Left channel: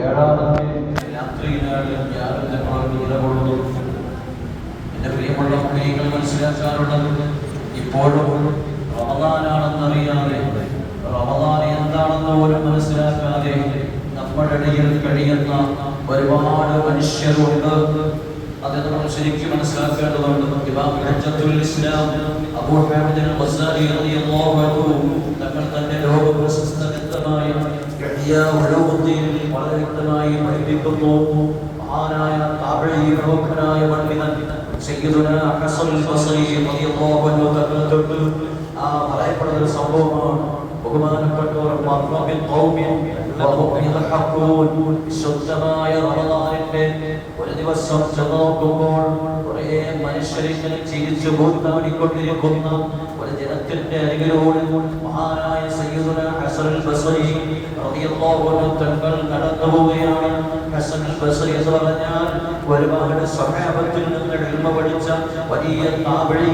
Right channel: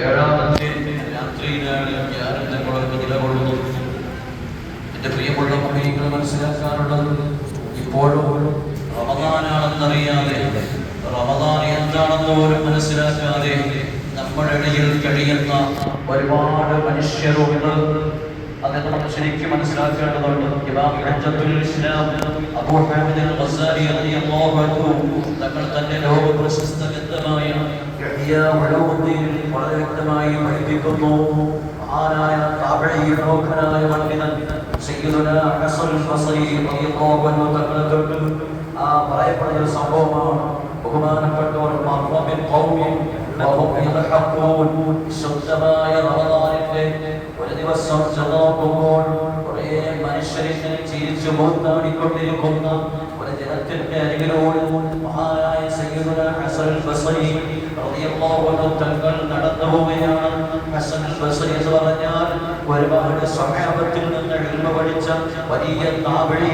ഏഴാമത്തെ രാത്രിയിലാണ് ഞാനും നമ്മളൊക്കെ നിലകൊള്ളുന്നു എന്റെ പ്രിയമുള്ള കുട്ടികൾ മനസ്സിലാക്കാനുള്ളത് ഇപ്പോഴും റമദാനാണെന്നറിയാതെ റമദാൻ എന്താണെന്ന് പോലും മനസ്സിലാക്കാതെ നമ്മുടെ കഴിയുന്ന ഒരുപാട് മനുഷ്യരുണ്ട്. അത് നമ്മൾ ശരിക്കും മനസ്സിലാക്കേണ്ടതുണ്ട്. ഇമാം ഹജ്ജത്തുൽ ഇസ്ലാം അബൂ ഹാമിദ് അൽ ബസാരി റളിയല്ലാഹു അൻഹു തങ്ങൾ തന്നെ ലോക പ്രശസ്ത ഗ്രന്ഥമായ ഇഹ്യാ ഉലൂമുദ്ദീനിൽ വളരെ വ്യക്തമായി പഠിപ്പിക്കുന്നു. മഹാനായ താബഈ പ്രമുഖനായ പണ്ഡിതൻ സയ്യിദുന ഹസൻ അൽ ബസരി റളിയല്ലാഹു അൻഹു തങ്ങളെ തൊട്ട് ആ പറയപ്പെടുന്ന ഒരു സംഭവമാണ്. ബഹുമാനപ്പെട്ടവർ മർറബിൻ ഖൗമിൻ വഹും യദ്ഹഖൂൻ ശുദ്ധമായ റമദാനിന്റെ ഒരു ദിവസം നോക്കുമ്പോൾ കുറേ മനുഷ്യരിങ്ങനെ ചിരിച്ചു കൂത്താടിക്കൊണ്ടിരിക്കുന്ന ജനത്തിന്റെ അരികിലൂടെ മഹാനായ സയ്യിദുന ഹസൻ ബസരി റളിയല്ലാഹു അൻഹു തങ്ങൾ ഹസൻ എന്ന് പറഞ്ഞാൽ ഒരുപാട് സ്വഹാബത്തിൽ നിന്ന് ഇൽമ പഠിച്ച വലിയ താബഴി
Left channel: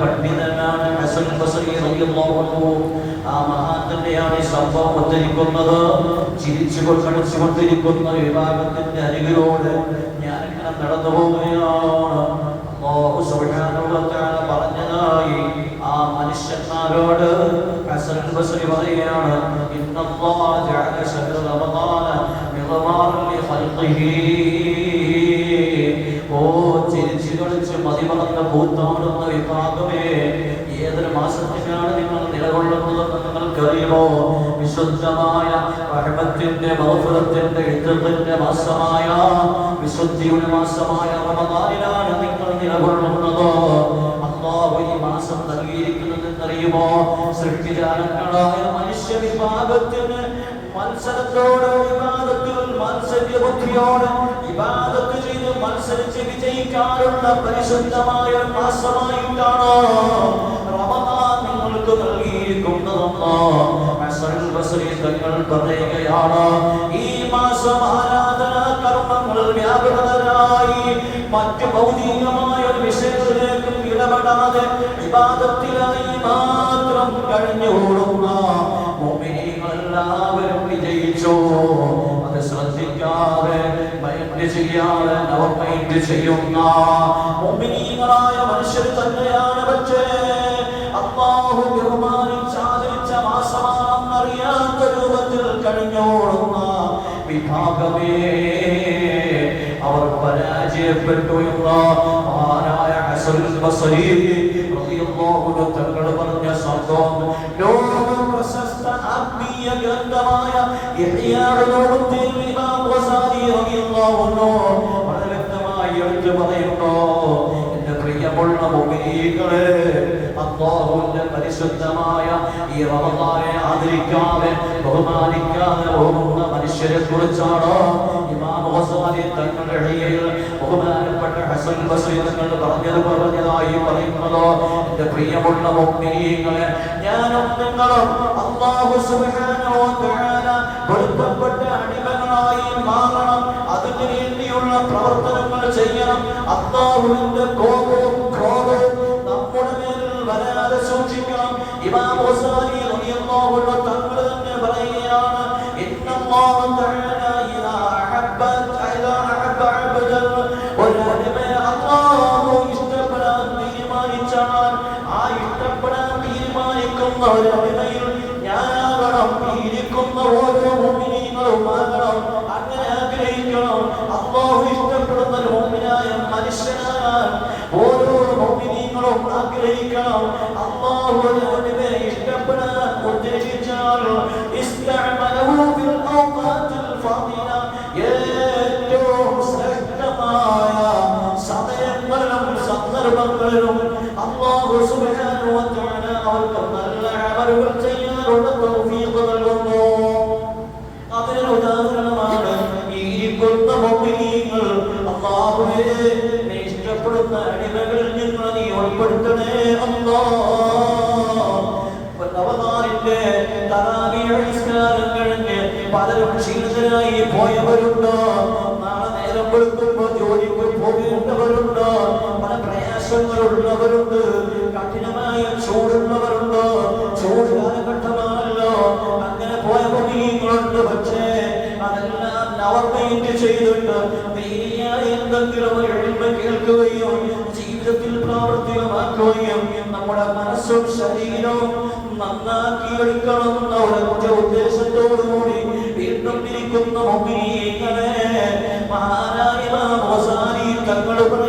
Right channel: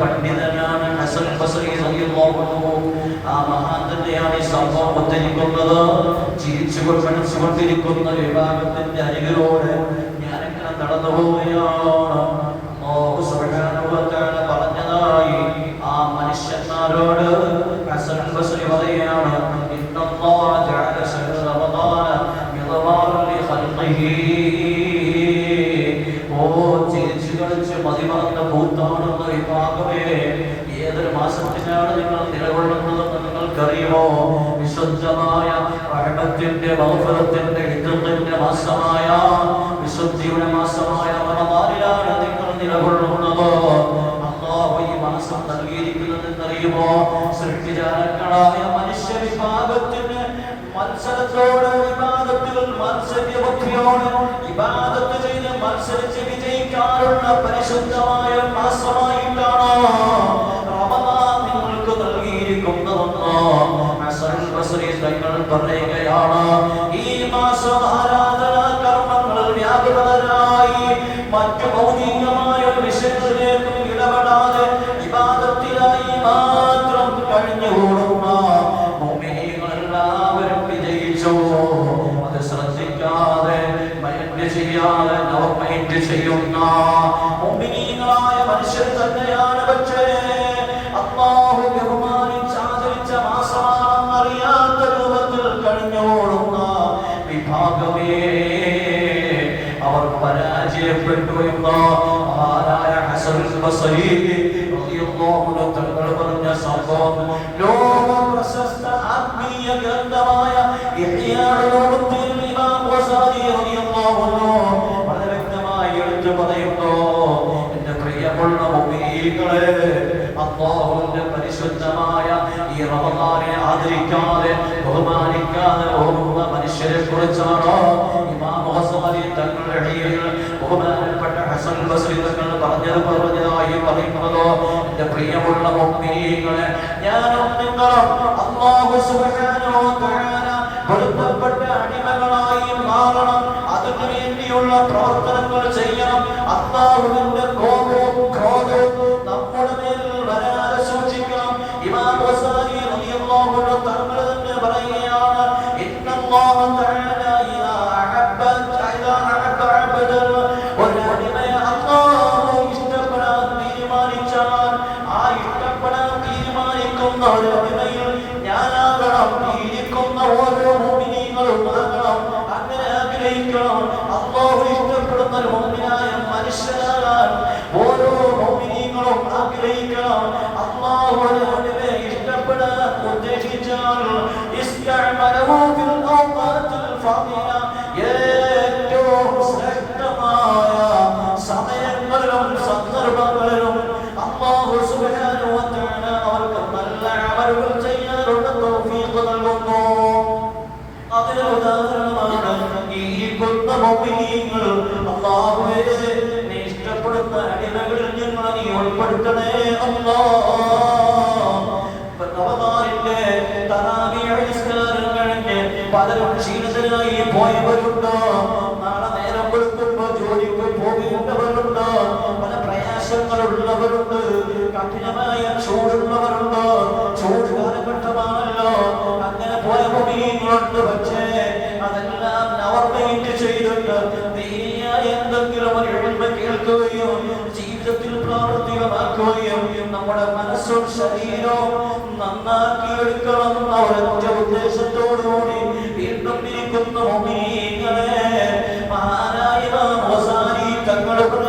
പണ്ഡിതനാണ് ഹസൻ ബസരി റളിയല്ലാഹു അൻഹു. ആ മഹാന്റെയാണ് ഈ സംഭവം വിഭാഗത്തിന്റെ അരികിലോട് ഞാനിങ്ങനെ നടന്നു പോവുകയാണ്. നിങ്ങൾക്കറിയുമോ വിശുദ്ധമായ റഹ്മത്തിന്റെ ബൗദ്ധത്തിന്റെ ഇദ്ദത്തിന്റെ മാസമായ വിശുദ്ധിയുടെ മാസമായ റമദാനിലാണ് നിങ്ങൾ നിലകൊള്ളുന്നതോ? അല്ലാഹു ഈ മാസം നൽകിയിരിക്കുന്നതെന്നറിയുമോ? സൃഷ്ടിജാലങ്ങളായ മനുഷ്യ വിഭാഗത്തിന് മത്സരത്തോട് വിവാദത്തിൽ മത്സരബുദ്ധിയോട് വിവാദത്ത് ചെയ്ത് മത്സരിച്ച് വിജയിക്കാറുള്ള പരിശുദ്ധമായ മാസമായിട്ടാണ് പറയുകയാണ് ഈ മാസം ആരാധനാ കർമ്മങ്ങൾ വ്യാപകരായി. മറ്റ് ഭൗതികമായ വിഷയത്തിലേക്കും ഇടപെടാതെ വിവാദത്തിലായി മാത്രം കഴിഞ്ഞുകൂടുന്ന മുഅ്മിനീങ്ങളെല്ലാവരും വിജയിച്ചു അത് ശ്രദ്ധിക്കാതെ മൈൻഡ് ചെയ്യാതെ നോ മൈൻഡ് ചെയ്യുന്ന മനുഷ്യർ തന്നെയാണ് വിഭാഗമേ അവർ പരാജയപ്പെട്ടു എന്ന മഹാനായ ഹസൻ ബസരി റളിയല്ലാഹു അൻഹു തങ്ങൾ പറഞ്ഞ സംഭവം ലോക പ്രശസ്ത ആത്മീയ ഗ്രന്ഥമായ ഇഹ്യാ ഉലൂമുദ്ദീൻ ഇമാം ഗസാലി റളിയല്ലാഹു അൻഹു വളരെ വ്യക്തമായി എടുത്തു പറയുന്നു എന്റെ പ്രിയമുള്ള മുഅ്മിനീങ്ങളെ അല്ലാഹുവിന്റെ പരിശുദ്ധമായ ഈ റമദാനെ ആദരിക്കാതെ ബഹുമാനിക്കാതെ പോകുന്ന മനുഷ്യരെ കുറിച്ചാണോ? ഇമാം ഗസാലി തങ്ങളുടെ ഇടയിൽ ബഹുമാനപ്പെട്ട ഹസൻ ബസ്രി തങ്ങൾ പറഞ്ഞത് പറഞ്ഞതായി പറയുന്നതോ? എന്റെ പ്രിയമുള്ള മുഅ്മിനീങ്ങളെ ഞാൻ അല്ലാഹു സുബ്ഹാനഹു വ തആല ഇഷ്ടപ്പെടാൻ ഉദ്ദേശിച്ചാൽ ഇസ്തഅമലഹു ഫിൽ ബുദ്ധിമുട്ടുള്ളവരുണ്ട് പല പ്രയാസങ്ങളുള്ളവരുണ്ട്. കഠിനമായ ചൂടുള്ളവരുണ്ട്? ചൂട് കാലഘട്ടമാണല്ലോ അങ്ങനെ പോയ കുടിയുങ്ങളുണ്ട് പക്ഷേ അതെല്ലാം നവർമൈൻഡ് ചെയ്തിട്ട് നേരിയായ എന്തെങ്കിലും എഴുമ്പ കേൾക്കുകയും ജീവിതത്തിൽ പ്രാവർത്തികമാക്കുകയും നമ്മുടെ മനസ്സും ശരീരവും നന്നാക്കി എടുക്കണം എന്ന ഉദ്ദേശത്തോടുകൂടി വീണ്ടും ഇരിക്കുന്നു മഹാ അവസാനം തങ്ങളുടെ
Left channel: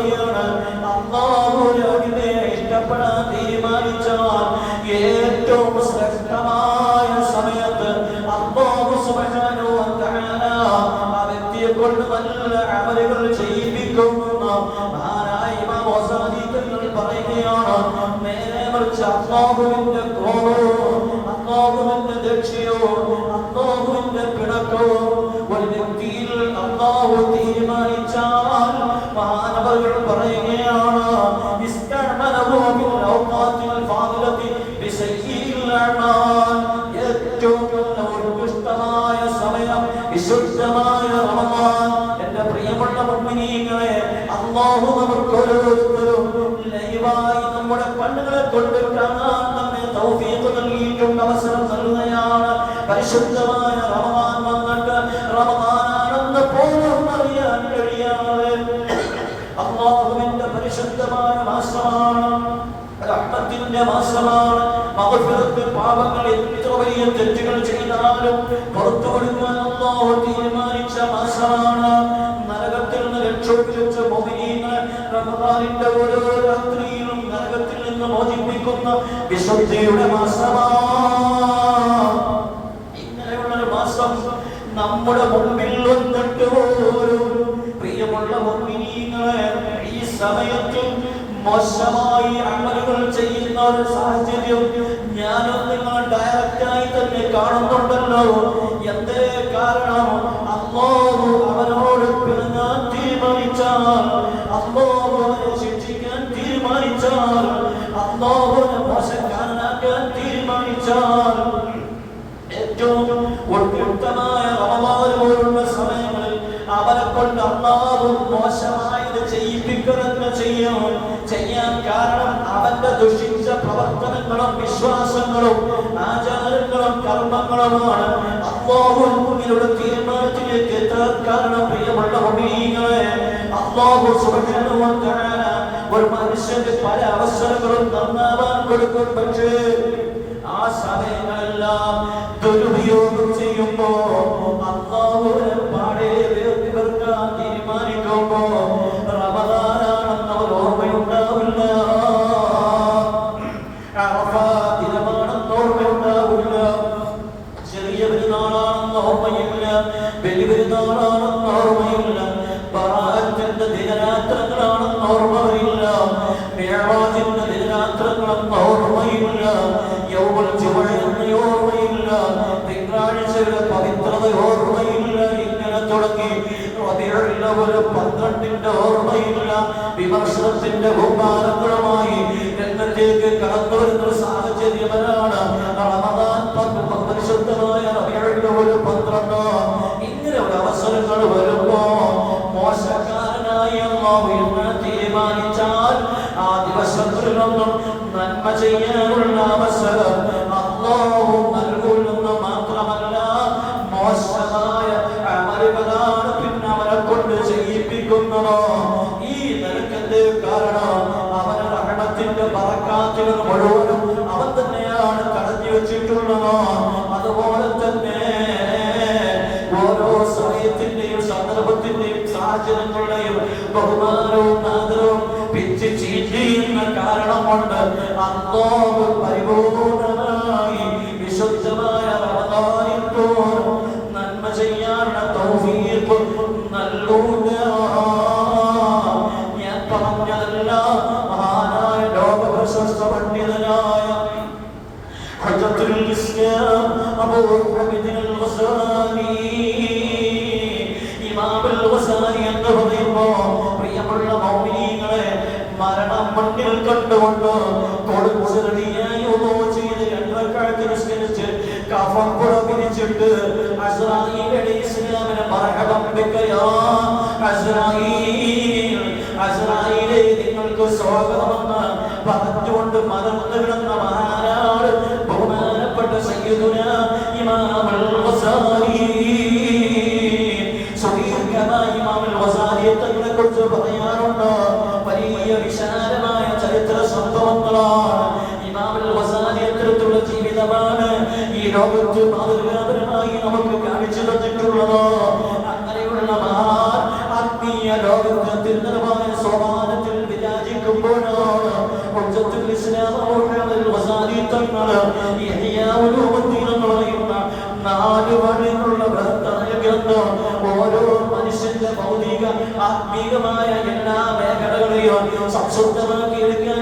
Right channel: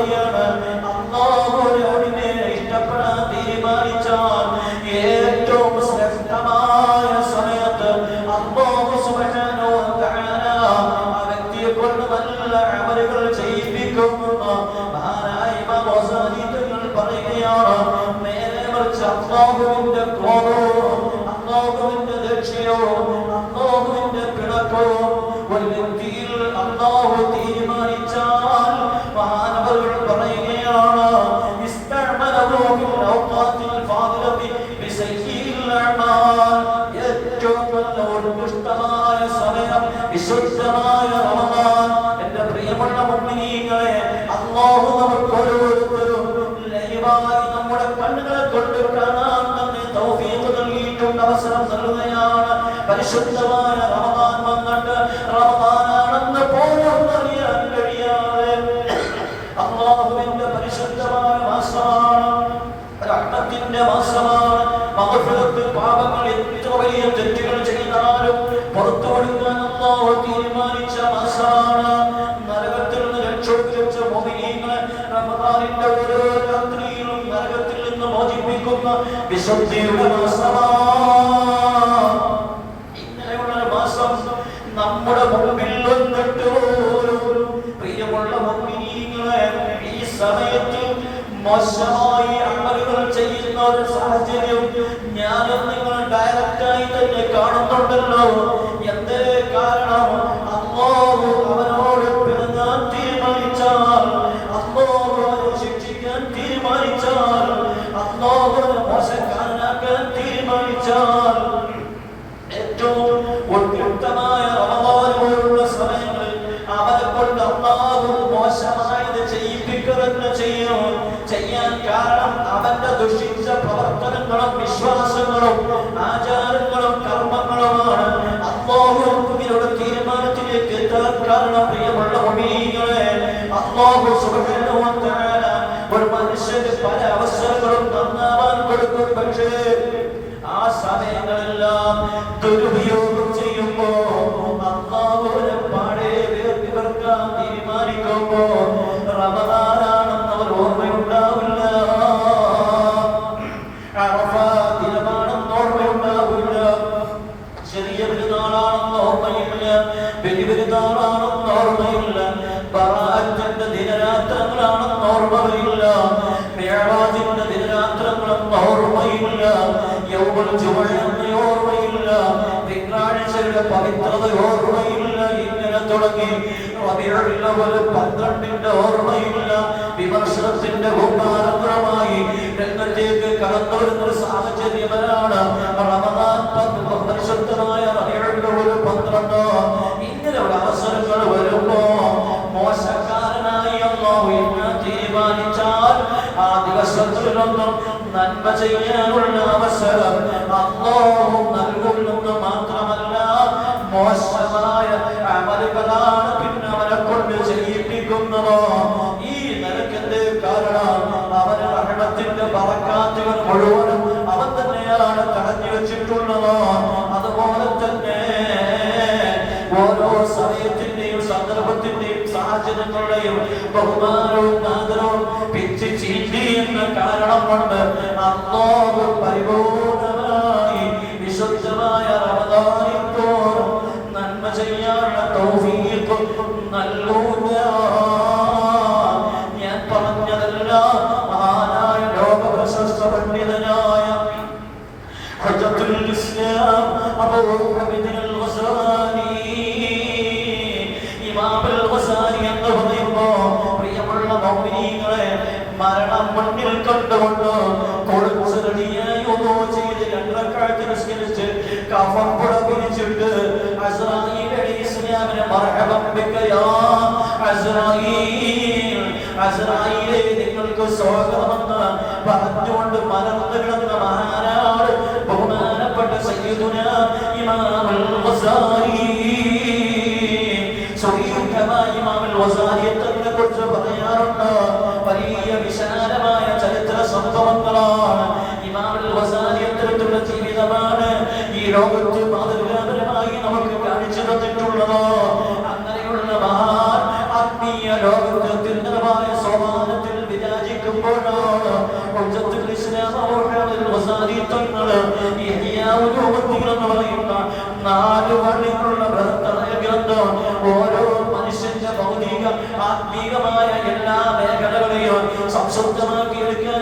ഏറ്റവും വ്യത്യസ്തമായ സമയം വിശുദ്ധമായ റമദാൻ എന്റെ പ്രിയമുള്ള മുമ്പിനീങ്ങളെ അള്ളാഹു നമുക്ക് ഓരോരുത്തരും ലൈവായി നമ്മുടെ കണ്ണുകളെ കൊണ്ട് കാണാൻ തന്നെ തൗഫീഖ് നൽകിയിട്ടുണ്ട് അവസരം നൽകുകയാണ് പരിശുദ്ധ ചെയ്ത തെറ്റുകൾ ചെയ്താലും പുറത്തു കൊടുക്കാൻ അള്ളാഹു തീരുമാനിച്ച മാസമാണ് നരകത്തിൽ നിന്ന് രക്ഷപ്പെടുത്ത മോദിനെ റമദാനിന്റെ ഓരോ മോചിപ്പിക്കുന്ന വിശുദ്ധിയുടെ മാസമാണ്. ഇങ്ങനെയുള്ള ഒരു മാസം നമ്മുടെ മുമ്പിൽ നിന്നിട്ട് പ്രിയമുള്ള മോദിനികളെ ഈ സമയത്തും മോശമാണ് കാണുന്ന अवसर करून त्यांना दान करतो म्हणजे आज 어려운 ലോകത്ത് മാതൃകാപരമായി നമുക്ക് കാണിച്ചു തന്നിട്ടുള്ളത്? അങ്ങനെയുള്ള മഹാൻ ആത്മീയ ലോകത്ത് തിരുനലമായ സമാധാനത്തിൽ പറയുന്ന നാല് വഴികളുള്ള ബൃഹത്തായ ഗ്രന്ഥം ഓരോ മനുഷ്യന്റെ ഭൗതിക ആത്മീകമായ എല്ലാ മേഖലകളെയും സംശുദ്ധമാക്കി എടുക്കാൻ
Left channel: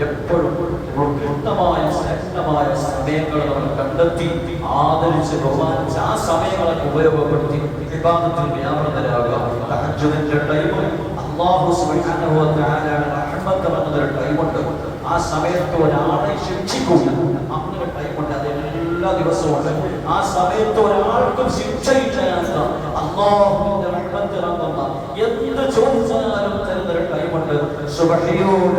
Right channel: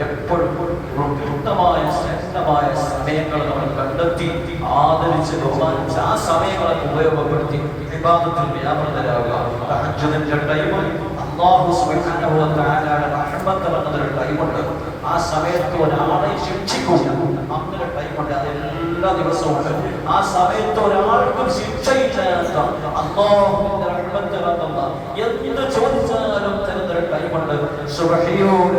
എപ്പോഴും കൃത്യമായ ശക്തമായ സമയങ്ങൾ നമ്മൾ കണ്ടെത്തി ആദരിച്ച് ബഹുമാനിച്ച് ആ സമയങ്ങളെ ഉപയോഗപ്പെടുത്തി വിവാദത്തിൽ വ്യാപൃതരാകുക. ആ സമയത്ത് ഒരാളെ ശിക്ഷിക്കും അങ്ങനെ ടൈമുണ്ട് അത് എല്ലാ ദിവസവും ആ സമയത്ത് ഒരാൾക്കും എന്ന എന്ത് ചോദിച്ചാലും തരുന്നൊരു ടൈമുണ്ട് സുബഹിയോട്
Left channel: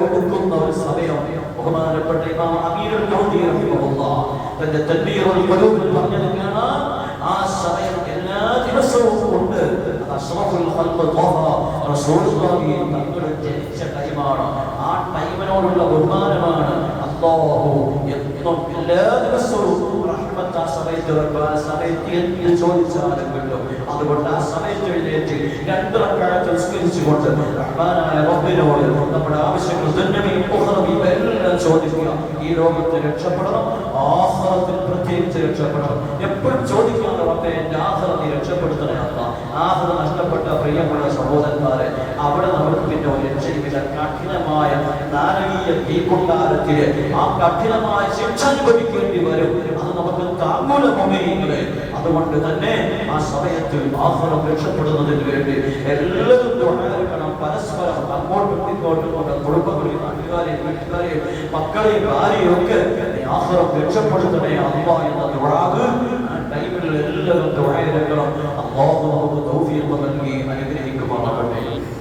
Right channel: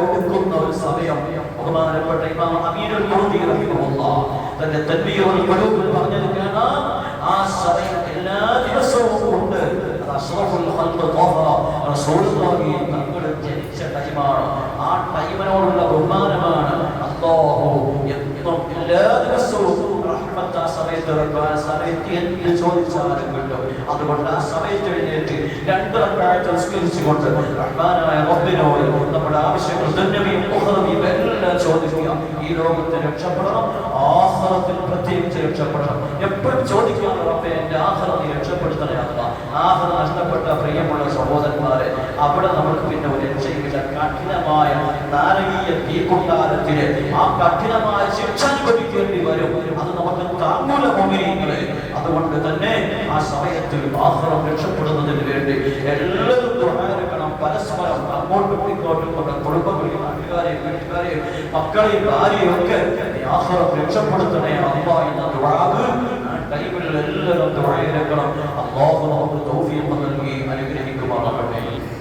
ഇമാം അമീറുൽ ഖുദി റഹിമഹുല്ലാഹ് തന്റെ തൻബീഹുൽ ഖുലൂബിൽ പറഞ്ഞത് കാണാം ആ സമയം എല്ലാ ദിവസവും ഉണ്ട്. തങ്ങൾ ജനിച്ച ടൈമാണ്. ആ ടൈമിനോടുള്ള ബഹുമാനമാണ് അല്ലാഹു. എന്നും എല്ലാ ദിവസവും ഇറക്കുക ആ സമയത്ത് എന്ത് ചോദിച്ചാലും കിട്ടും അതുകൊണ്ട് ആ സമയത്ത് എഴുന്നേറ്റ് രണ്ട് റക്കായത്ത് സ്മരിച്ചുകൊണ്ട് റഹ്മാനായ റബ്ബിനോട് നമ്മുടെ ആവശ്യങ്ങൾ ദുന്യവിയും ഉഖറവിയും എല്ലാം ചോദിക്കുക. ഈ ലോകത്തെ രക്ഷപ്പെടണം ആഹ്ലത്തിൽ പ്രത്യേകിച്ച് രക്ഷപ്പെടണം. എപ്പോഴും ചോദിക്കാതെ റബ്ബെ എന്റെ ആഹ്ലത്തെ രക്ഷപ്പെടുത്തണേ അല്ല. നഷ്ടപ്പെട്ട പ്രിയമുള്ള സഹോദരന്മാരെ അവിടെ നമുക്ക് പിന്നെ ഒരു രക്ഷയില്ല. കഠിനമായ നാരകീയ തീക്കുണ്ടാരത്തിൽ ആ കഠിനമായ ശിക്ഷ അനുഭവിക്കേണ്ടി വരും. അത് നമുക്ക് താങ്ങൂല മുമ്പിങ്ങളെ അതുകൊണ്ട് തന്നെ ആ സമയത്ത് ആഹ്റം രക്ഷപ്പെടുന്നതിന് വേണ്ടി എല്ലാവരും ദ്വാരക്കണം പരസ്പരം അങ്ങോട്ടും ഇങ്ങോട്ടും നമ്മുടെ കുടുംബങ്ങളെയും നാട്ടുകാരെയും വീട്ടുകാരെയും മക്കളെയും ഭാര്യയും ഒക്കെ ഈ ആഹ്റം രക്ഷപ്പെടുത്തണേ. അമ്മ എന്ന ദ്വാഗ് ആ ടൈമിൽ എല്ലാവരും ദ്വാരക്കണം അള്ളാഹു നമുക്ക് തൗഫീഖ് നൽകി. അനുഗ്രഹിക്കുമാറാകട്ടെ